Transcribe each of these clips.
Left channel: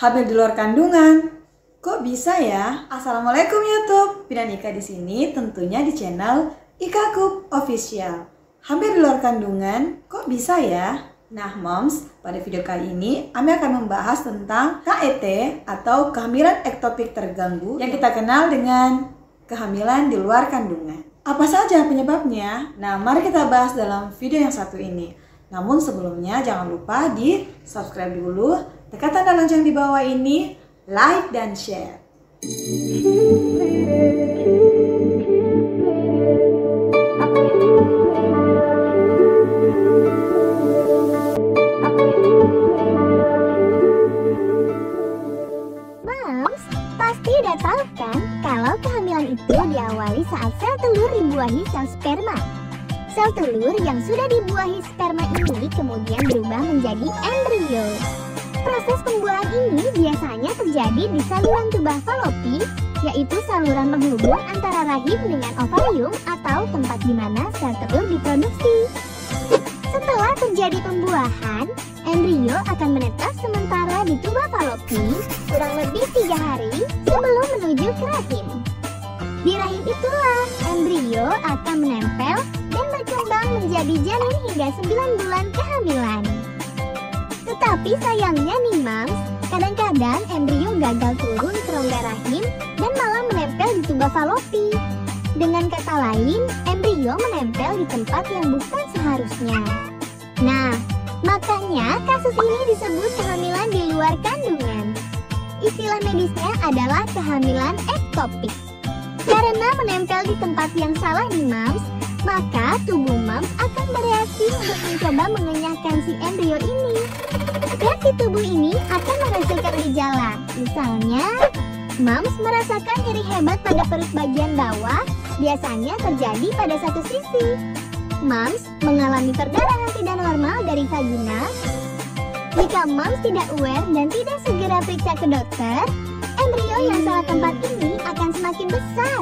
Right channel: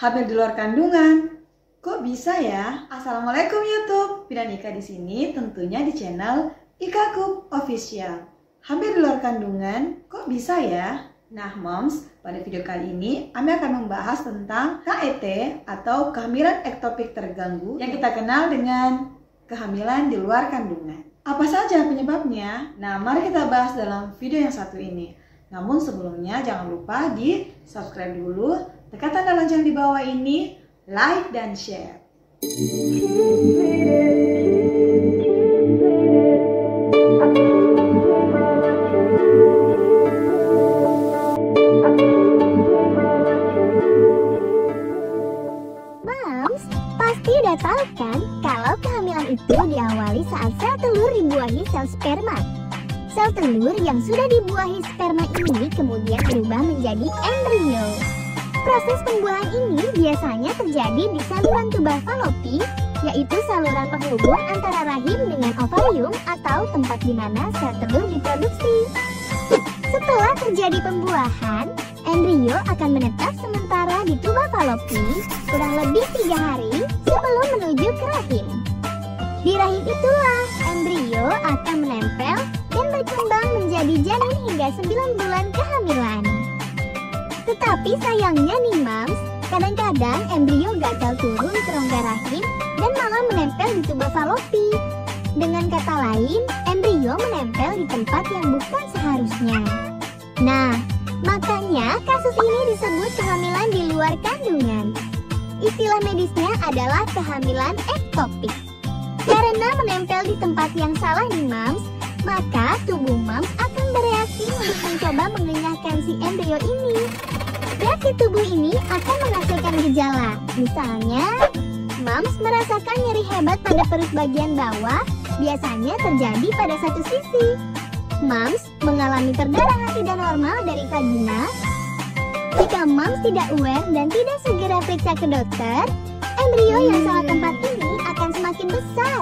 Hamil di luar kandungan. Kok bisa ya? Assalamualaikum YouTube. Pina Ika di sini, tentunya di channel Ika Cook Official. Hamil di luar kandungan, kok bisa ya? Nah, Moms, pada video kali ini Ami akan membahas tentang KET atau kehamilan ektopik terganggu yang kita kenal dengan kehamilan di luar kandungan. Apa saja penyebabnya? Nah, mari kita bahas dalam video yang satu ini. Namun sebelumnya jangan lupa di subscribe dulu, tekan tanda lonceng di bawah ini, like dan share. Moms, pasti udah tahu kan kalau kehamilan itu diawali saat sel telur dibuahi sel sperma. Sel telur yang sudah dibuahi sperma ini kemudian berubah menjadi embrio. Proses pembuahan ini biasanya terjadi di saluran tuba falopi, yaitu saluran penghubung antara rahim dengan ovarium atau tempat di mana sel telur diproduksi. Setelah terjadi pembuahan, embrio akan menetap sementara di tuba falopi kurang lebih 3 hari sebelum menuju ke rahim. Di rahim itulah embrio akan menempel dan berkembang menjadi janin hingga 9 bulan kehamilan. Tetapi sayangnya nih Moms, kadang-kadang embrio gagal turun ke rongga rahim dan malah menempel di tuba falopi. Dengan kata lain, embrio menempel di tempat yang bukan seharusnya. Nah, makanya kasus ini disebut kehamilan di luar kandungan. Istilah medisnya adalah kehamilan ektopik. Karena menempel di tempat yang salah nih Moms, maka tubuh Moms akan bereaksi untuk mencoba mengenyahkan si embrio ini. Reaksi tubuh ini akan menghasilkan gejala. Misalnya, Moms merasakan nyeri hebat pada perut bagian bawah, biasanya terjadi pada satu sisi. Moms mengalami perdarahan tidak normal dari vagina. Jika Moms tidak aware dan tidak segera periksa ke dokter, embrio yang salah tempat ini akan semakin besar.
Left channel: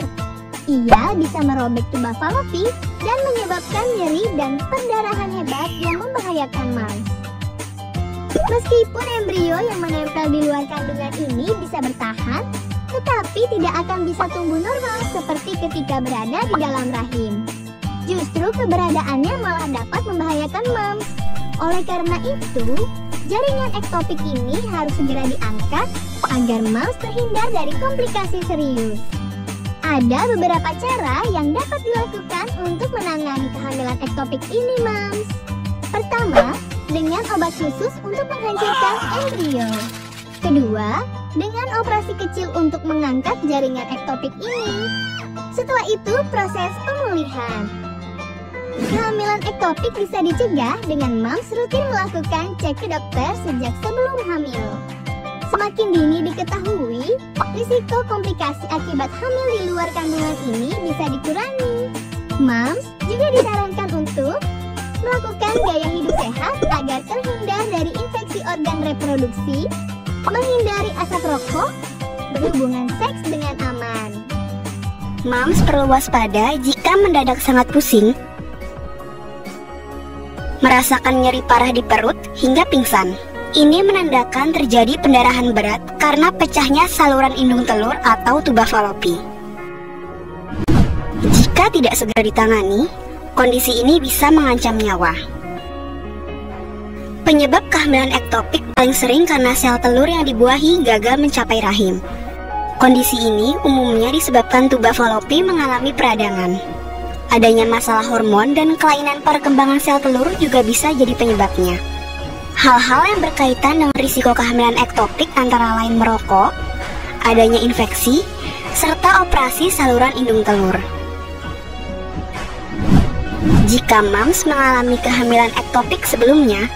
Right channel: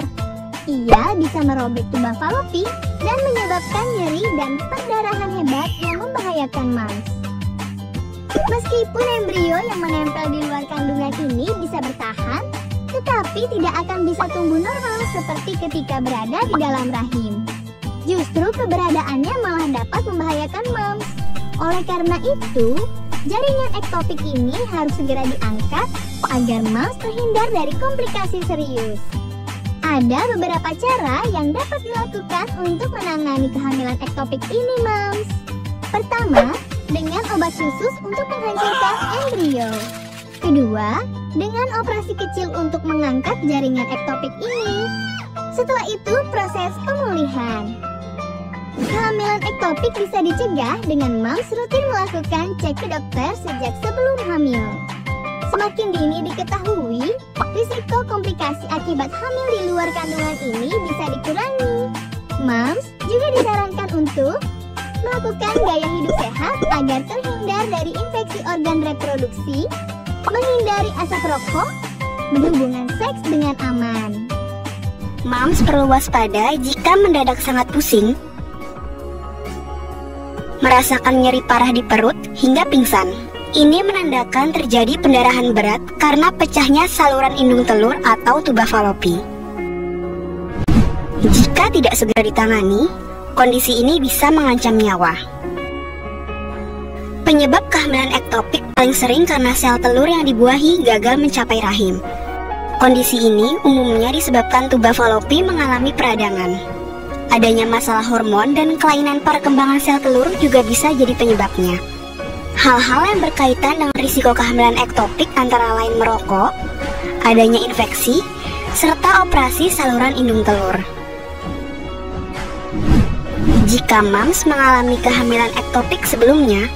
Ia bisa merobek tuba falopi dan menyebabkan nyeri dan perdarahan hebat yang membahayakan Moms. Meskipun embrio yang menempel di luar kandungan ini bisa bertahan, tetapi tidak akan bisa tumbuh normal seperti ketika berada di dalam rahim. Justru keberadaannya malah dapat membahayakan Moms. Oleh karena itu, jaringan ektopik ini harus segera diangkat agar Moms terhindar dari komplikasi serius. Ada beberapa cara yang dapat dilakukan untuk menangani kehamilan ektopik ini, Moms. Pertama, dengan obat khusus untuk menghancurkan embrio. Kedua, dengan operasi kecil untuk mengangkat jaringan ektopik ini. Setelah itu, proses pemulihan. Kehamilan ektopik bisa dicegah dengan Moms rutin melakukan cek ke dokter sejak sebelum hamil. Semakin dini diketahui, risiko komplikasi akibat hamil di luar kandungan ini bisa dikurangi. Moms juga disarankan untuk melakukan gaya hidup sehat agar terhindar dari infeksi organ reproduksi, menghindari asap rokok, berhubungan seks dengan aman. Moms perlu waspada jika mendadak sangat pusing, merasakan nyeri parah di perut hingga pingsan. Ini menandakan terjadi pendarahan berat karena pecahnya saluran indung telur atau tuba falopi. Jika tidak segera ditangani, kondisi ini bisa mengancam nyawa. Penyebab kehamilan ektopik paling sering karena sel telur yang dibuahi gagal mencapai rahim. Kondisi ini umumnya disebabkan tuba falopi mengalami peradangan. Adanya masalah hormon dan kelainan perkembangan sel telur juga bisa jadi penyebabnya. Hal-hal yang berkaitan dengan risiko kehamilan ektopik antara lain merokok, adanya infeksi, serta operasi saluran indung telur. Jika Moms mengalami kehamilan ektopik sebelumnya,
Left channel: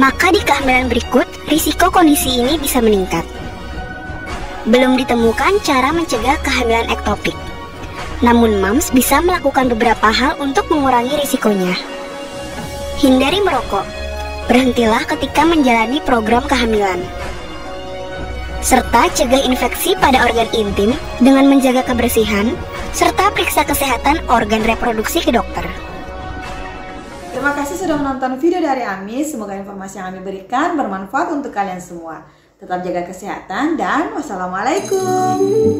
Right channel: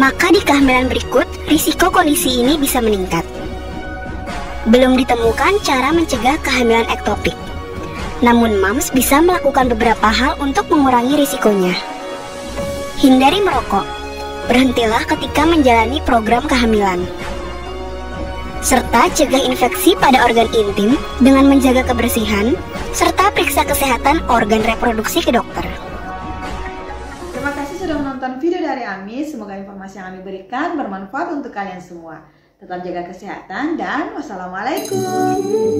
maka di kehamilan berikut risiko kondisi ini bisa meningkat. Belum ditemukan cara mencegah kehamilan ektopik. Namun Moms bisa melakukan beberapa hal untuk mengurangi risikonya. Hindari merokok. Berhentilah ketika menjalani program kehamilan. Serta cegah infeksi pada organ intim dengan menjaga kebersihan, serta periksa kesehatan organ reproduksi ke dokter. Terima kasih sudah menonton video dari Ami. Semoga informasi yang Ami berikan bermanfaat untuk kalian semua. Tetap jaga kesehatan dan wassalamualaikum.